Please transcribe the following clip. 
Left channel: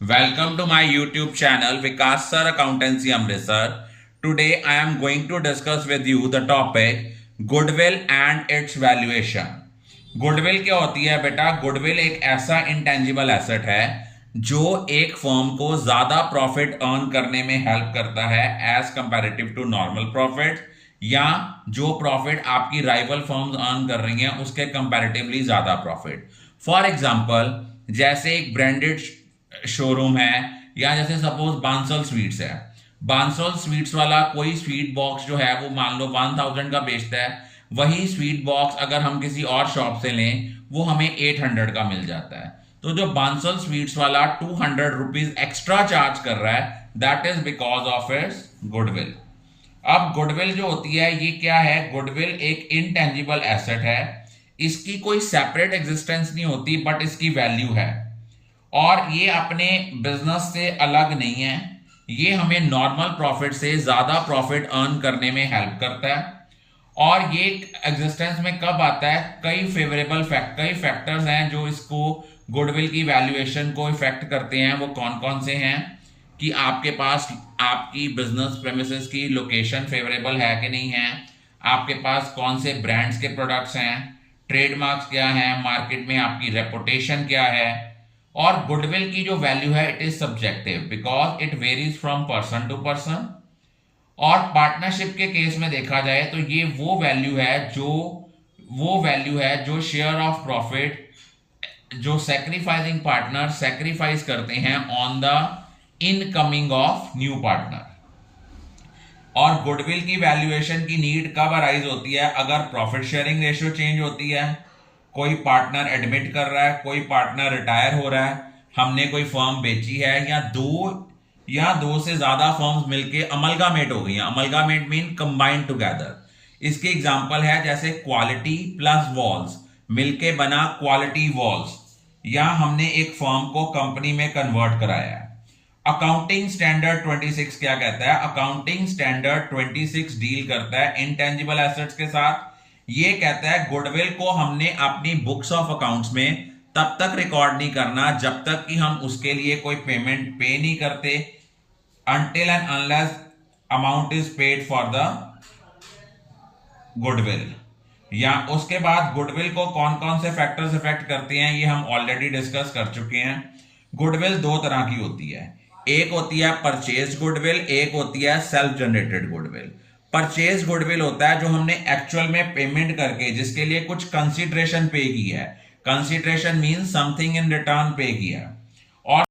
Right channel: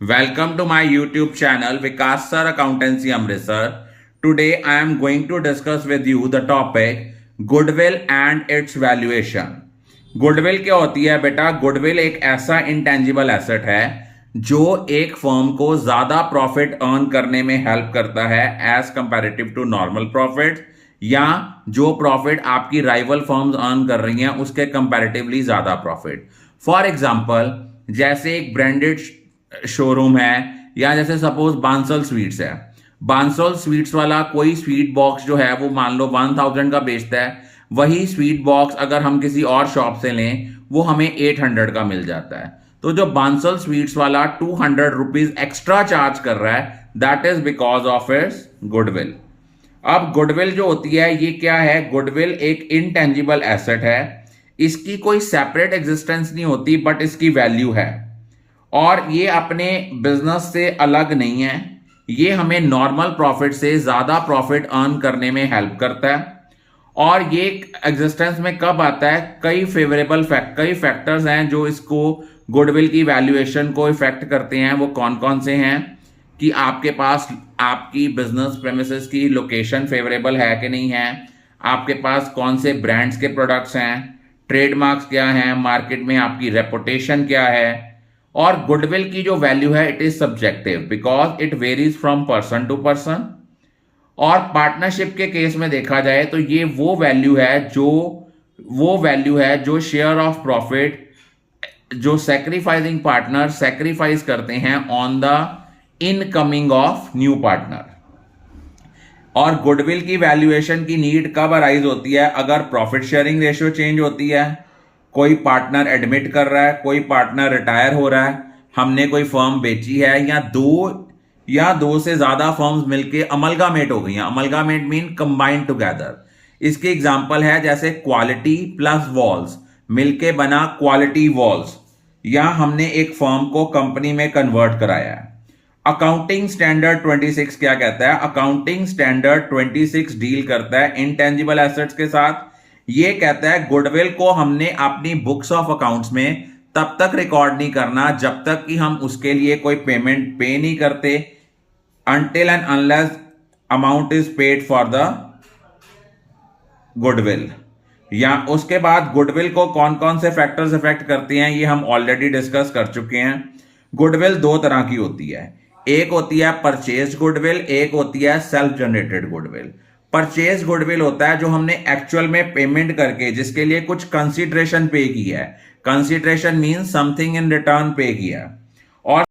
Welcome to my YouTube channel Vikas Sir Accountancy Amritsar. Today I am going to discuss with you the topic Goodwill and its valuation. Goodwill क्या होती है बेटा? Goodwill एक ऐसा intangible asset है जो एक फर्म को ज्यादा प्रॉफिट अर्न करने में हेल्प करता है as comparative to normal profit, या जो प्रॉफिट आपकी राइवल फर्म्स अर्न कर रही हैं उसके कंपैरेटिवली ज्यादा प्रॉफिट। फॉर एग्जांपल, जैसे एक ब्रांडेड शोरूम है, या जैसे सपोज बांसल स्वीट्स है। बांसल स्वीट्स वाला कोई स्वीट बॉक्स जो है वो मान लो 1000 का बेचता है, वही स्वीट बॉक्स अगर हम किसी और शॉप से लें वो हमें 800 का मिल जाता है। तो जो बांसल स्वीट्स वाला 200 रुपीज एक्स्ट्रा चार्ज कर रहा है, that is because of its goodwill. अब गुडविल जो होती है ये क्या है? गुडविल एक इनटेंजिबल एसेट है, इसकी कोई सेपरेट एग्जिस्टेंस नहीं होती, बट इसकी वैल्यू है और ये अपने बिजनेस से अलग नहीं है। ये हमें नॉर्मल प्रॉफिट से ज्यादा प्रॉफिट अर्न करने में हेल्प करता है। और ये एग्जिस्टेंस में कब आता है? कई फैक्टर्स हैं जो इसको गुडविल की वैल्यूएशन को इफेक्ट करते हैं। वो कौन कौन से हैं कि आपके पास आपकी बिजनेस प्रेमिसेस की लोकेशन फेवरेबल है कि नहीं है, आपके पास कौन से ब्रांड्स के प्रोडक्ट्स हैं, ट्रेडमार्क्स क्या हैं, मार्केट में आपकी रेपुटेशन क्या है। और गुडविल की जो वैल्यू है it is subjective because it varies from person to person. और पार्टनरशिप के केस में देखा जाए तो ये वो वैल्यू है जो शेयर ऑफ प्रॉफिट जो सैक्रिफाइसिंग पार्टनर सैक्रिफाइस करते हैं on the incoming of new partner. और गुडविल की वैल्यूएशन की नीड कब अराइज होती है? अगर प्रॉफिट शेयरिंग रेशियो चेंज होती है, कोई पार्टनर एडमिट कर रहा है, कोई पार्टनर रिटायर हो रहा है, हमने कोई फर्म बेची है, या दो से ज्यादा फर्म्स मिलके अमलगामेट हो गई हैं। अमलगामेट मीन कंबाइंड टुगेदर। इसकी एग्जांपल है जैसे क्वालिटी प्लस वॉल्स मिलके बना क्वालिटी वॉल्स, या हमने एक फर्म को कंपनी में कन्वर्ट कराया है। अकाउंटिंग स्टैंडर्ड 26 क्या कहता है? अकाउंटिंग स्टैंडर्ड 26 डील करता है इनटेंजिबल एसेट्स के साथ। ये कहता है गुडविल को हमने अपनी बुक्स ऑफ अकाउंट्स में तब तक रिकॉर्ड नहीं करना जब तक कि हम उसके लिए कोई पेमेंट पे नहीं करते, until and unless amount is paid for the goodwill. या उसके बाद गुडविल को कौन कौन से फैक्टर्स इफेक्ट करते हैं ये हम ऑलरेडी डिस्कस कर चुके हैं। गुडविल दो तरह की होती है, एक होती है परचेज गुडविल, एक होती है self generated goodwill. Purchase goodwill होता है जो हमने एक्चुअल में पेमेंट करके जिसके लिए कुछ कंसीडरेशन पे की है। Consideration mean something in return पे किया।